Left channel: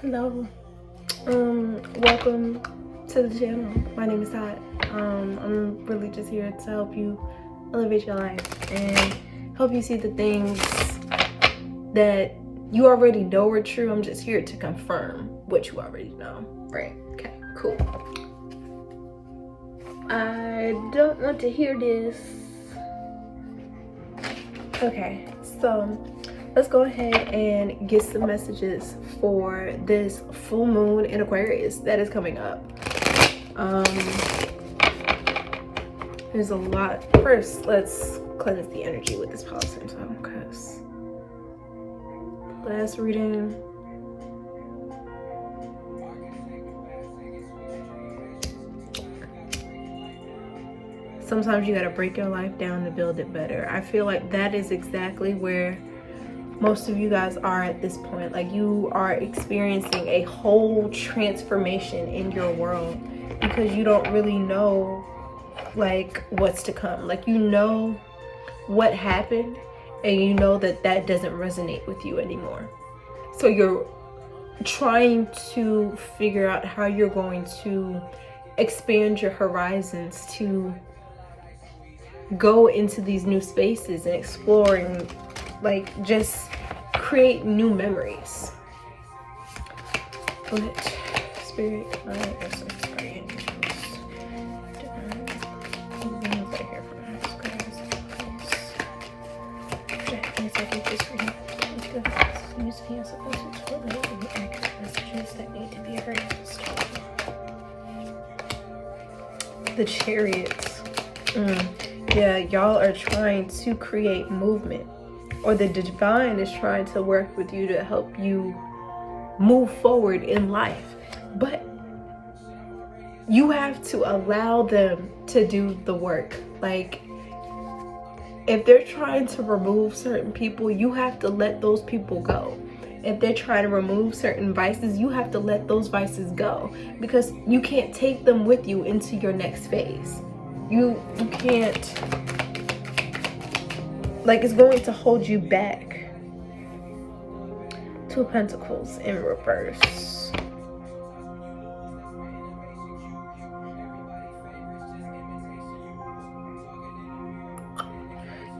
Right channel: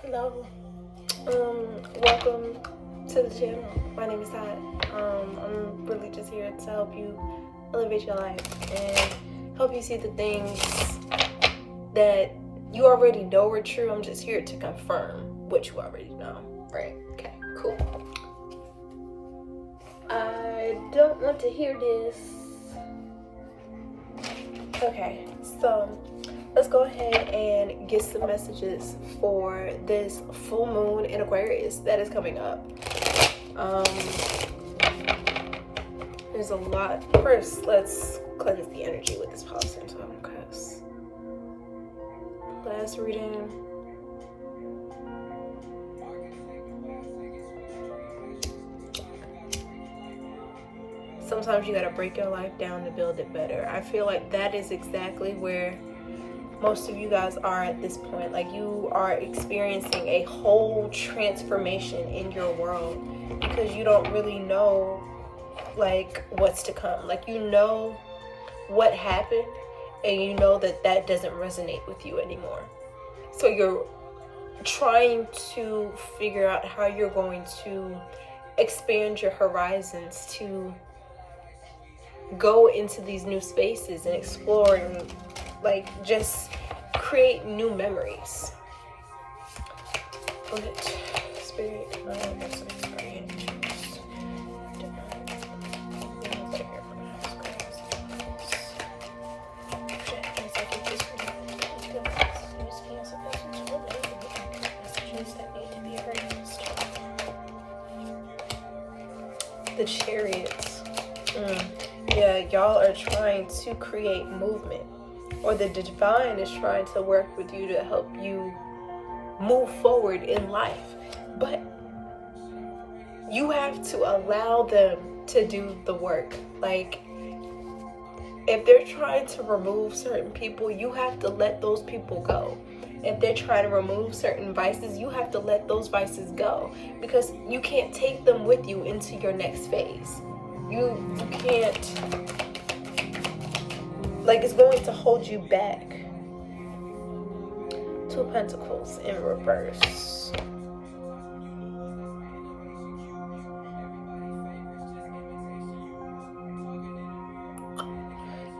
Hello, welcome to the channel. My name is Todd. I'm really just here to help you elevate your life and help you see the things that you already know are true. I'm just here to confirm what you already know. Right? Okay, cool. I don't want to hear this. Okay, so let's go ahead and get some messages for this full moon in Aquarius that is coming up. There's a lot. First, let's cleanse the energy with this policy so I don't cuss. Last reading. Sometimes you gotta break your life down to build it better. I feel like that is exactly where most of you guys are at this point. Like, you are experiencing a whole transformation in your world because you don't really know like what's to come. Like, you know what happened and you know that that doesn't resonate with you anymore. So you're trying to figure out how you're going to expand your horizons to go into these new spaces and explore and like just create new memories. But spirit, the Chariots. Yeah, y'all are trying to create movement, or the divine is trying to work with you to help you move forward in life. But you have to allow them to do the work. Like, if they're trying to remove certain people, you have to let those people go. If they're trying to remove certain vices, you have to let those vices go, because you can't take them with you into your next phase. You can't, like, it's going to hold you back. Two of Pentacles in reverse.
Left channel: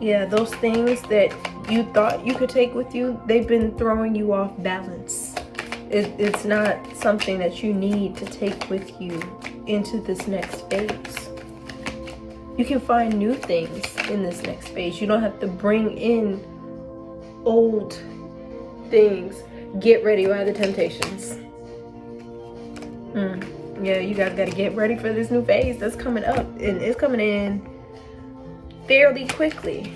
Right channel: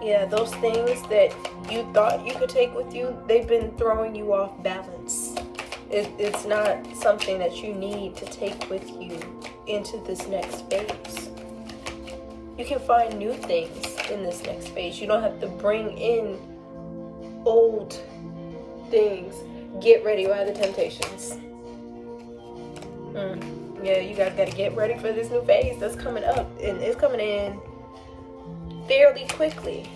Yeah, those things that you thought you could take with you, they've been throwing you off balance. It's not something that you need to take with you into this next phase. You can find new things in this next phase. You don't have to bring in old things. Get ready by the temptations. Yeah, you guys gotta get ready for this new phase that's coming up, and it's coming in fairly quickly.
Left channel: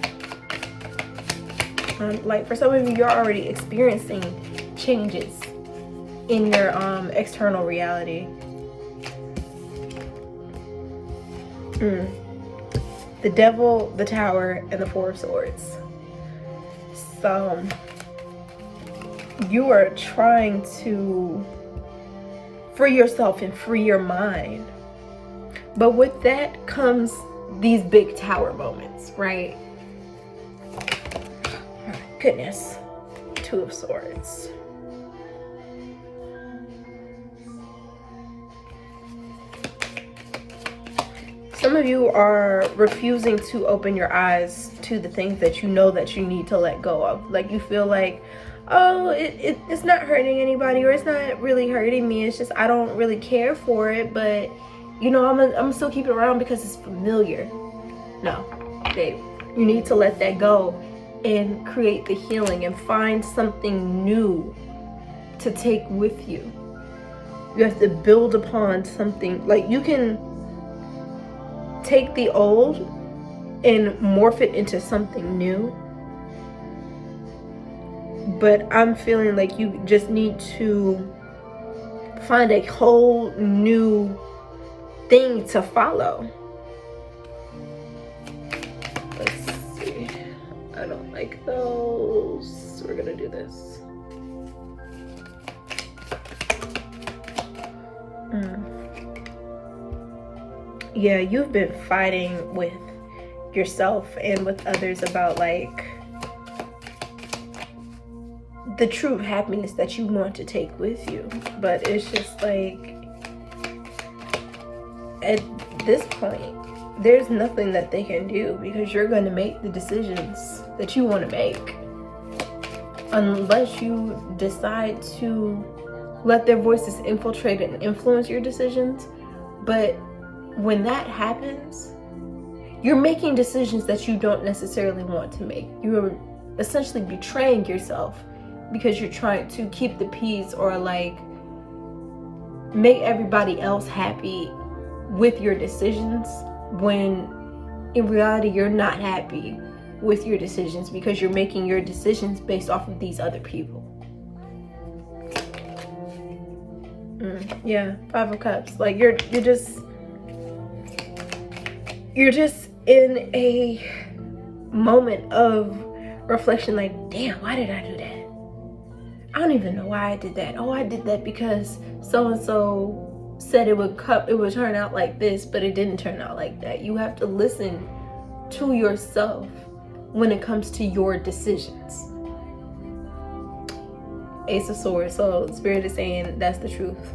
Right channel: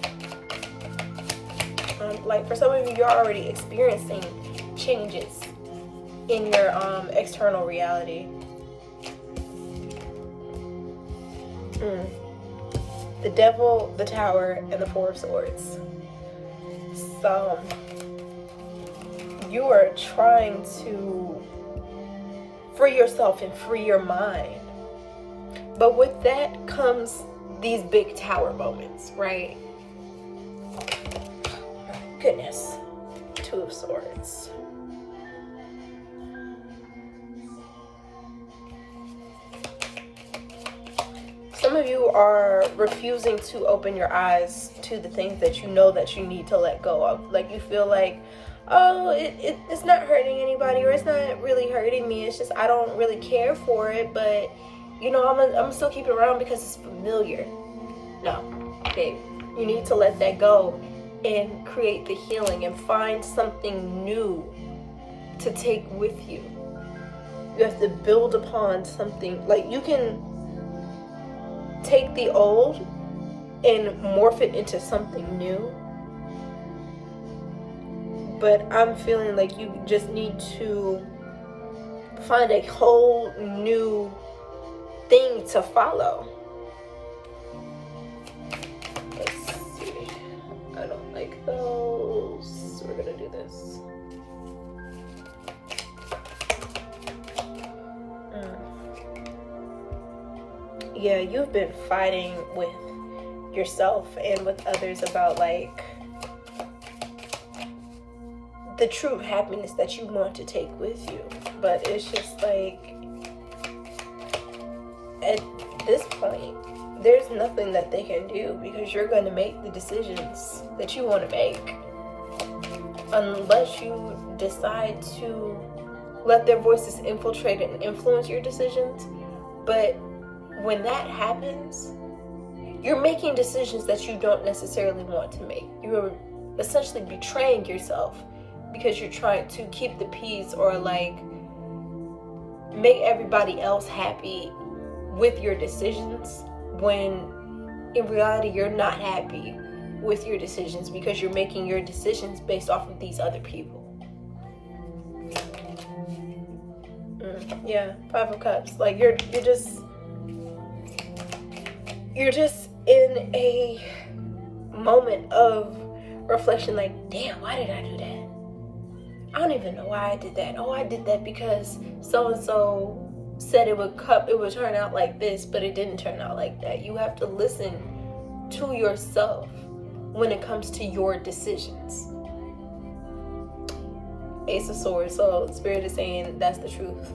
Like, for some of you, you're already experiencing changes in your external reality. The Devil, the Tower, and the Four of Swords. So you are trying to free yourself and free your mind, but with that comes these big tower moments, right? Goodness. Two of Swords. Some of you are refusing to open your eyes to the things that you know that you need to let go of. Like, you feel like, oh, it's not hurting anybody, or it's not really hurting me. It's just I don't really care for it, but you know, I'm gonna still keep it around because it's familiar. No, babe, you need to let that go and create the healing and find something new to take with you. You have to build upon something. Like, you can take the old and morph it into something new, but I'm feeling like you just need to find a whole new thing to follow. Let's see. I don't like those. We're gonna do this. Yeah, you've been fighting with yourself and with others about like the true happiness that you want to take with you. But it's just like, at this point, there's nothing that they can do, because you're going to make the decisions that you want to make, unless you decide to let their voices infiltrate and influence your decisions. But when that happens, you're making decisions that you don't necessarily want to make. You're essentially betraying yourself, because you're trying to keep the peace, or like make everybody else happy with your decisions, when in reality you're not happy with your decisions, because you're making your decisions based off of these other people. Yeah, 5 of Cups. Like you're just in a moment of reflection, like, damn, why did I do that? I don't even know why I did that. Oh, I did that because so-and-so said it would turn out like this, but it didn't turn out like that. You have to listen to yourself when it comes to your decisions. Ace of Swords. So Spirit is saying that's the truth.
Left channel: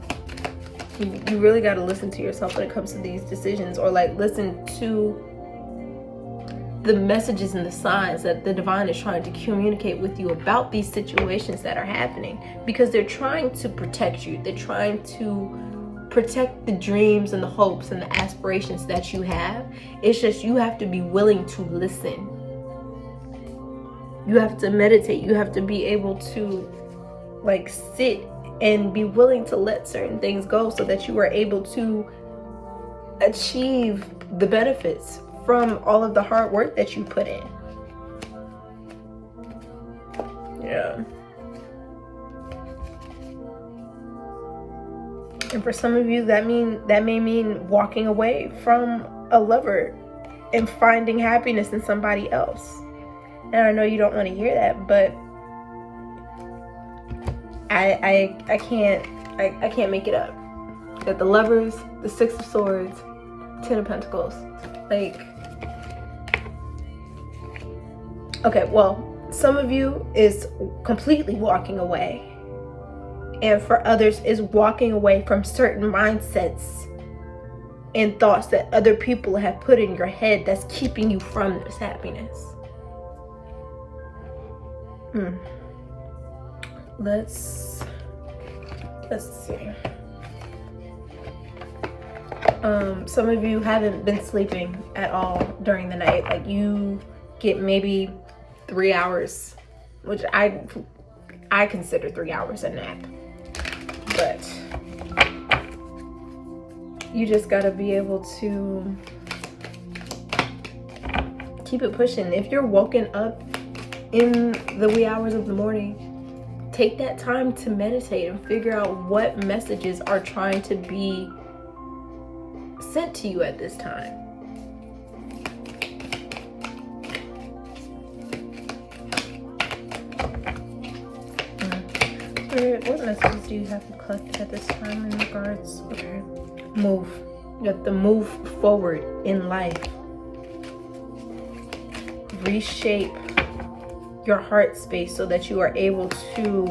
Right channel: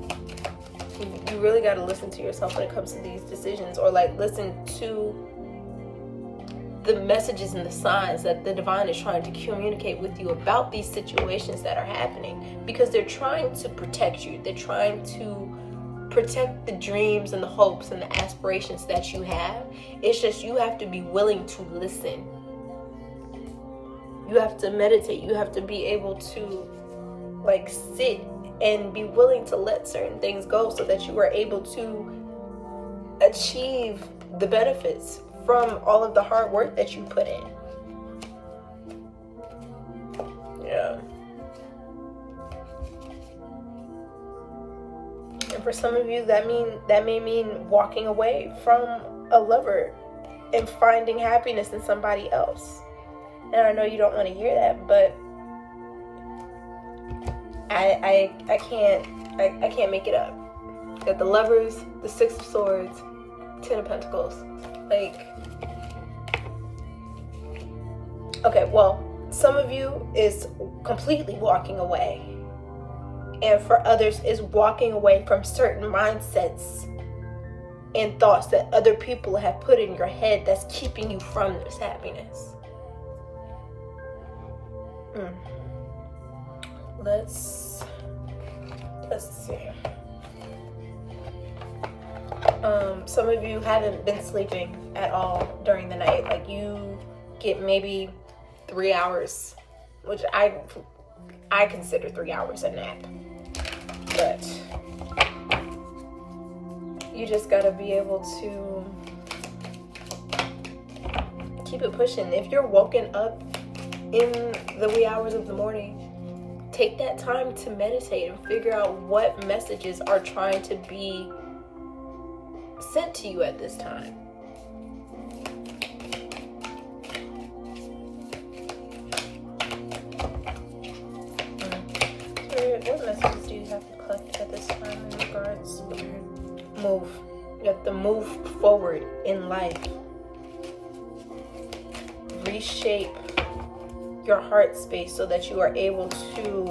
You really got to listen to yourself when it comes to these decisions, or like listen to the messages and the signs that the divine is trying to communicate with you about these situations that are happening, because they're trying to protect you. They're trying to protect the dreams and the hopes and the aspirations that you have. It's just you have to be willing to listen. You have to meditate. You have to be able to like sit and be willing to let certain things go, so that you are able to achieve the benefits from all of the hard work that you put in. Yeah. And for some of you, that may mean walking away from a lover and finding happiness in somebody else. And I know you don't want to hear that, but I can't make it up. That the Lovers, the 6 of Swords, 10 of Pentacles, like, okay, well, some of you is completely walking away, and for others is walking away from certain mindsets and thoughts that other people have put in your head that's keeping you from this happiness. Let's see. Some of you haven't been sleeping at all during the night. Like you get maybe 3 hours, which I consider 3 hours a nap. But you just gotta be able to keep it pushing. If you're woken up in the wee hours of the morning, take that time to meditate and figure out what messages are trying to be sent to you at this time. Spirit, what messages do you have to collect at this time in regards? Okay. Move. You have to move forward in life. Reshape your heart space so that you are able to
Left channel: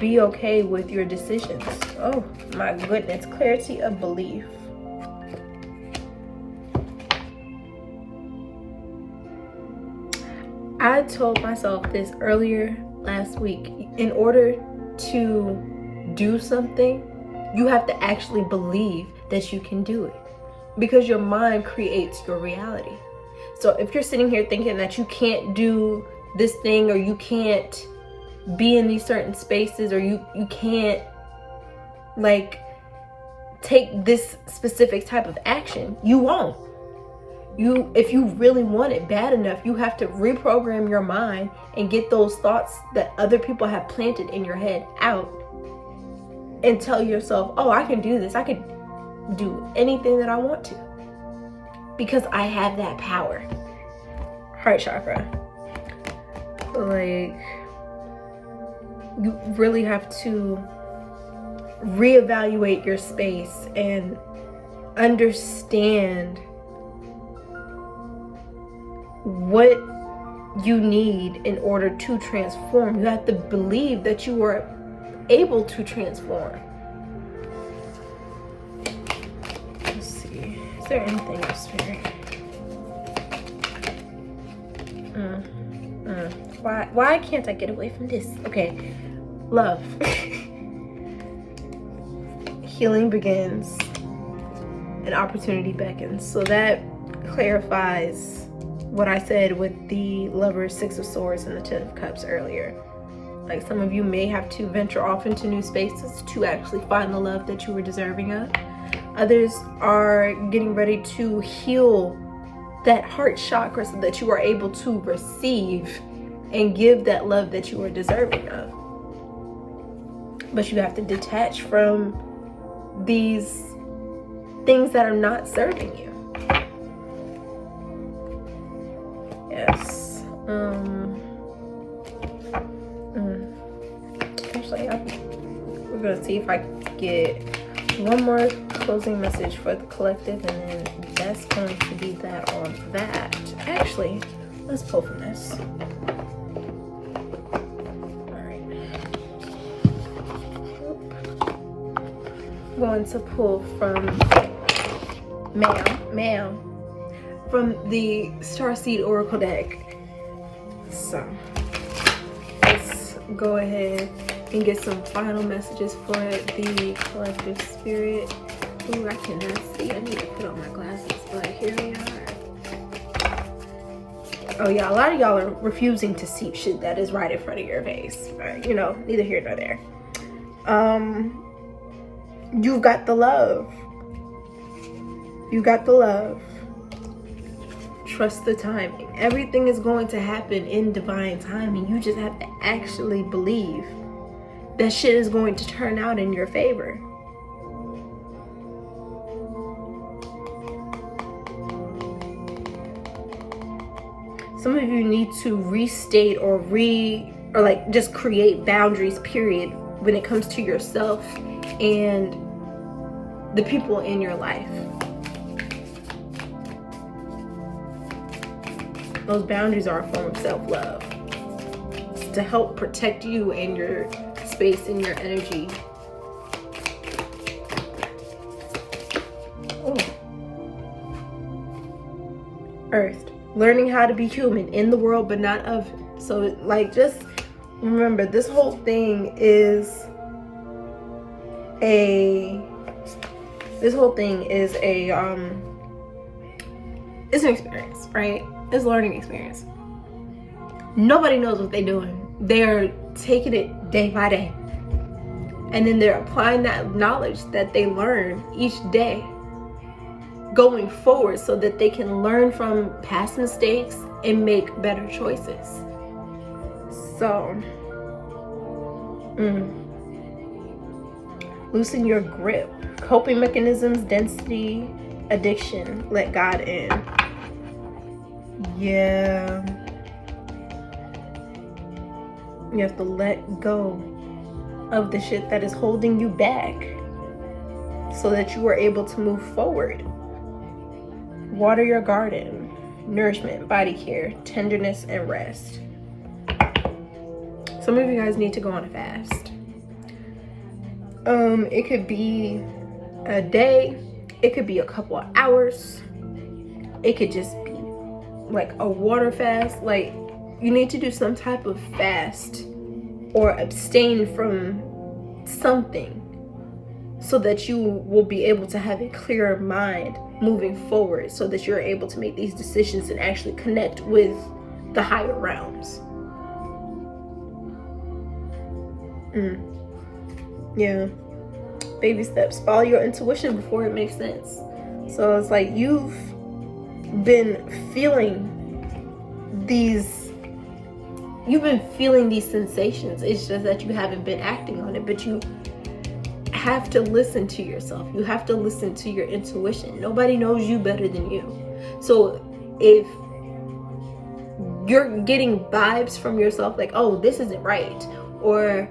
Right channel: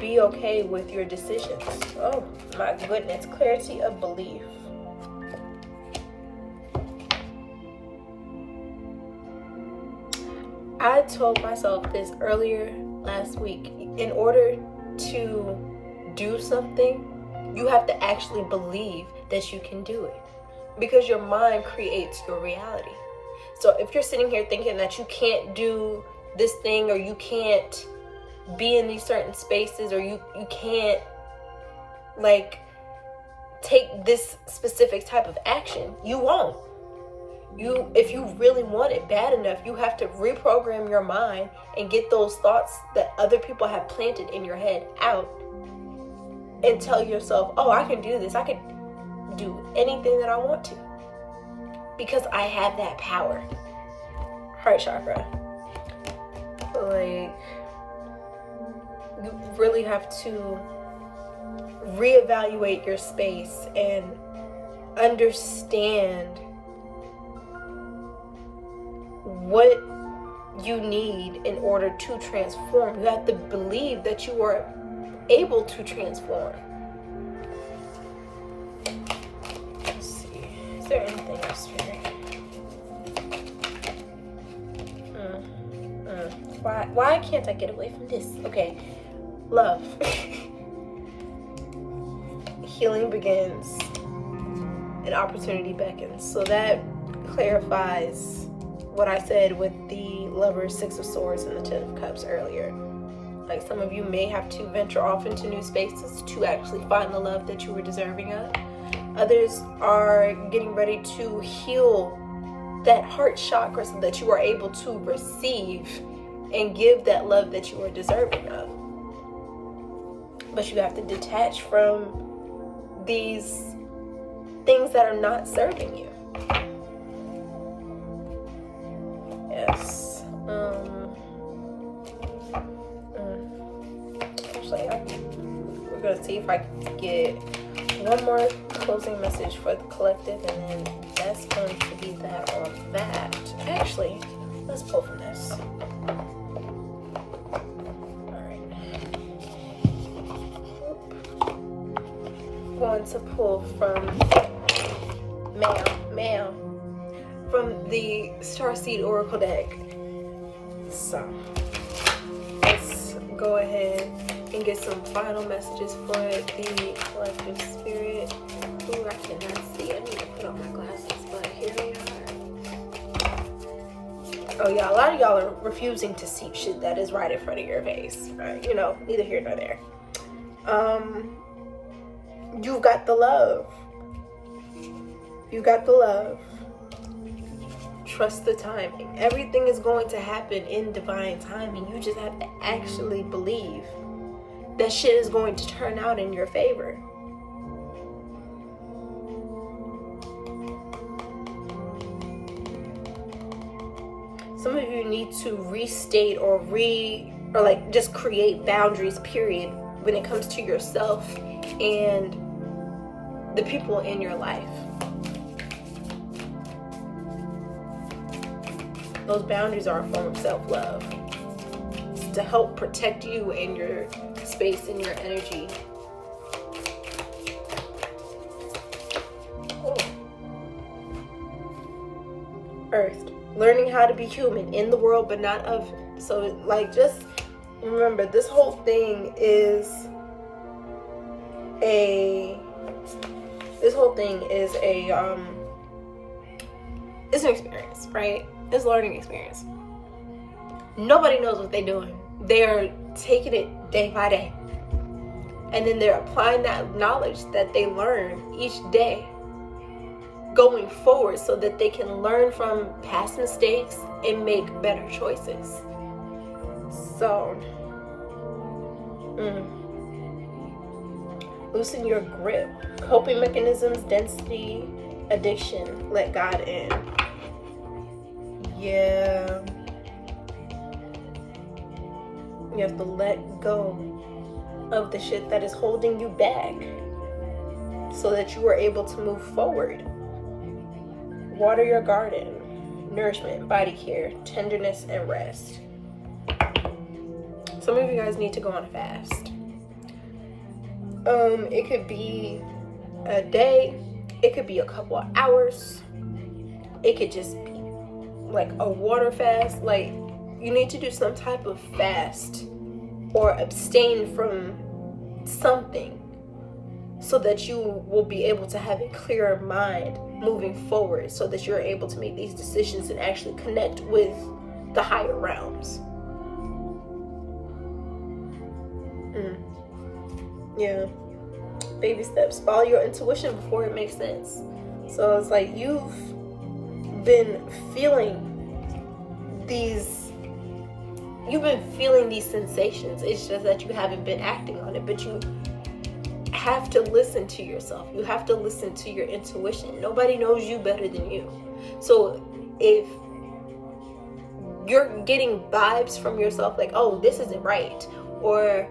be okay with your decisions. Oh my goodness, clarity of belief. I told myself this earlier last week. In order to do something, you have to actually believe that you can do it, because your mind creates your reality. So if you're sitting here thinking that you can't do this thing, or you can't be in these certain spaces, or you can't like take this specific type of action, you won't. If you really want it bad enough, you have to reprogram your mind and get those thoughts that other people have planted in your head out, and tell yourself, oh, I can do this. I can do anything that I want to, because I have that power. Heart chakra. Like, you really have to reevaluate your space and understand what you need in order to transform. You have to believe that you are able to transform. Let's see. Is there anything else here? Why can't I get away from this? Okay. Love. Healing begins and opportunity beckons. So that clarifies what I said with the Lovers, Six of Swords, and the Ten of Cups earlier. Like, some of you may have to venture off into new spaces to actually find the love that you were deserving of. Others are getting ready to heal that heart chakra so that you are able to receive and give that love that you are deserving of. But you have to detach from these things that are not serving you. Yes. Actually, we're gonna see if I can get one more closing message for the collective, and then that's going to be that on that. Actually, let's pull from this. Going to pull from ma'am from the Starseed Oracle deck. So let's go ahead and get some final messages for the collective spirit. Ooh, I cannot see. I need to put on my glasses, but here we are. Oh yeah, a lot of y'all are refusing to see shit that is right in front of your face. You know, neither here nor there. You've got the love. You got the love. Trust the timing. Everything is going to happen in divine timing. You just have to actually believe that shit is going to turn out in your favor. Some of you need to restate or like just create boundaries, period, when it comes to yourself and the people in your life. Those boundaries are a form of self-love. It's to help protect you and your space and your energy. Ooh. Earth. Learning how to be human in the world but not of. So like, just remember, this whole thing is it's an experience, right? It's a learning experience. Nobody knows what they're doing. They're taking it day by day. And then they're applying that knowledge that they learn each day going forward so that they can learn from past mistakes and make better choices. So, loosen your grip. Coping mechanisms, density, addiction, let God in. Yeah. You have to let go of the shit that is holding you back so that you are able to move forward. Water your garden. Nourishment, body care, tenderness, and rest. Some of you guys need to go on a fast. It could be a day, it could be a couple of hours, it could just be like a water fast. Like, you need to do some type of fast or abstain from something so that you will be able to have a clearer mind moving forward, so that you're able to make these decisions and actually connect with the higher realms. Yeah. Baby steps. Follow your intuition before it makes sense. So it's like you've been feeling these sensations. It's just that you haven't been acting on it. But you have to listen to yourself. You have to listen to your intuition. Nobody knows you better than you. So if you're getting vibes from yourself like, oh, this isn't right, or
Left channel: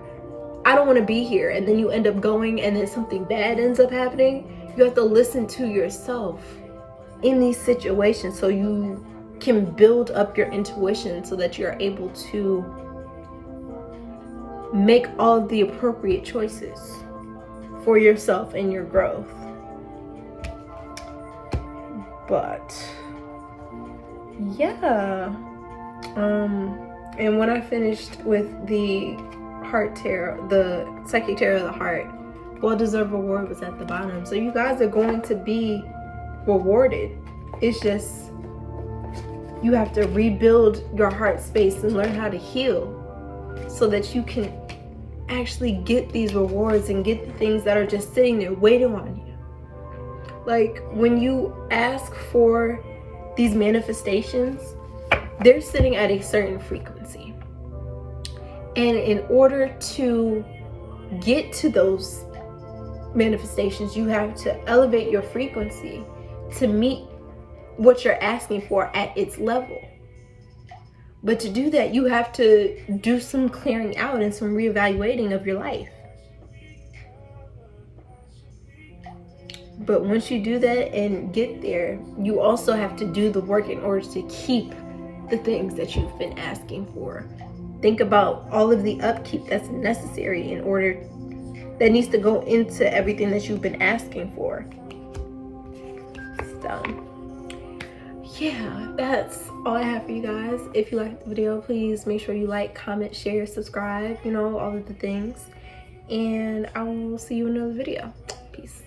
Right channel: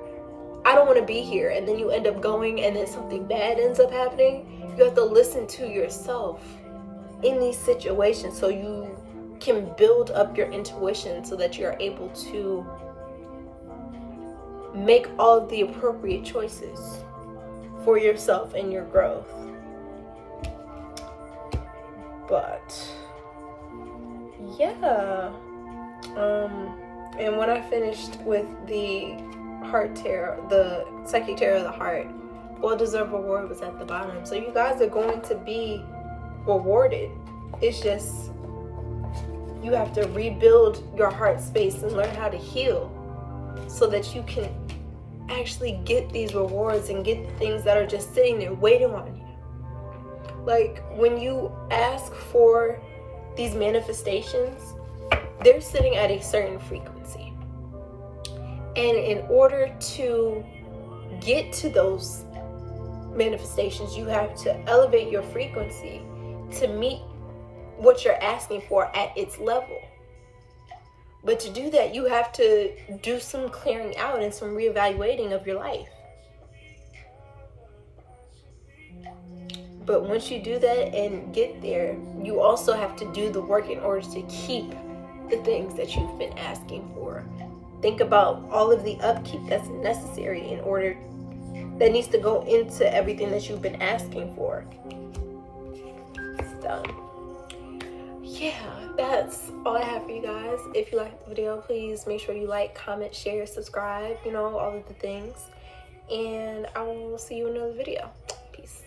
I don't want to be here, and then you end up going and then something bad ends up happening, you have to listen to yourself in these situations so you can build up your intuition so that you're able to make all the appropriate choices for yourself and your growth. But yeah, and when I finished with the heart tarot, the psychic tarot of the heart, well-deserved reward was at the bottom. So you guys are going to be rewarded. It's just you have to rebuild your heart space and learn how to heal so that you can actually get these rewards and get the things that are just sitting there waiting on you. Like when you ask for these manifestations, they're sitting at a certain frequency. And in order to get to those manifestations, you have to elevate your frequency to meet what you're asking for at its level. But to do that, you have to do some clearing out and some reevaluating of your life. But once you do that and get there, you also have to do the work in order to keep the things that you've been asking for. Think about all of the upkeep that's necessary in order, that needs to go into everything that you've been asking for. So yeah, that's all I have for you guys. If you liked the video, please make sure you like, comment, share, subscribe, you know, all of the things. And I will see you in another video. Peace.